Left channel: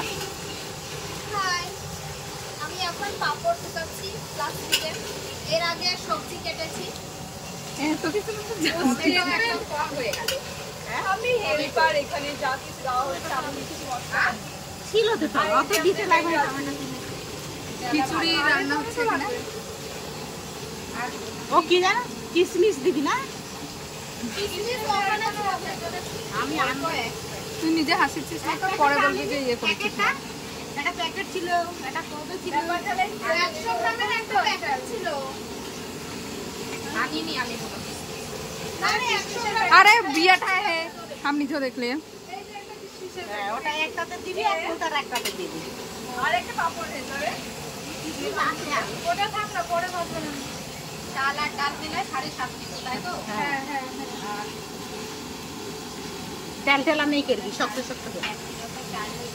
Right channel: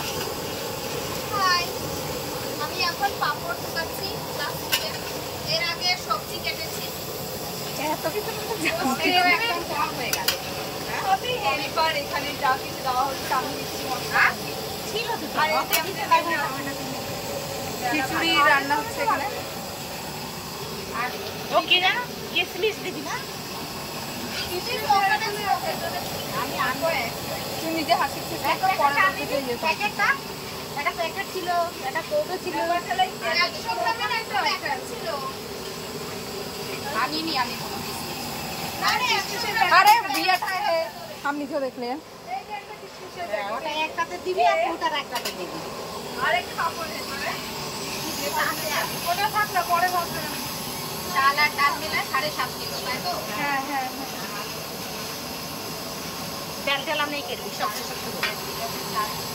বন্ধুরা। হাই, আমি এখন পাপড় ঢুকাচ্ছি প্লাস্টিকে। এর আগে সবজি কেটেছি। এত কিছু একদম কম হয়ে গেল। আমি হেল্পার, এখানে যা কিছু দেওয়া হচ্ছে আমি কিছু মশলা ছিল তো, অত দিতে লাগবে না। খিচুড়ি রান্না হচ্ছে এখানে। ও কি জানো, কিশমিশ দিবি না? আমি আনবো। তুই নিজে হাসিছিস না, পরে বলবি যে ইয়ে করছিস। একটা প্যাকেট ছিল, একটা কৌটো ছিল। 100 গ্রামের একটা প্যাকেট ছিল। আনিনি আমি কোনো। মানে 100 গ্রাম। अरे बिया था है हम नहीं देख ले। ওটা একটাতে দিবি আর ওটার একটাতে দিবি। আরেকটা পাপড় দে তবে। ওটা থাক না, পরে ভাববেন। চাল আর ডাল মিলে 7.5 কিলো, তাই তো? হ্যাঁ হ্যাঁ তেল টেল আমি করবি, শক্ত শক্ত করে।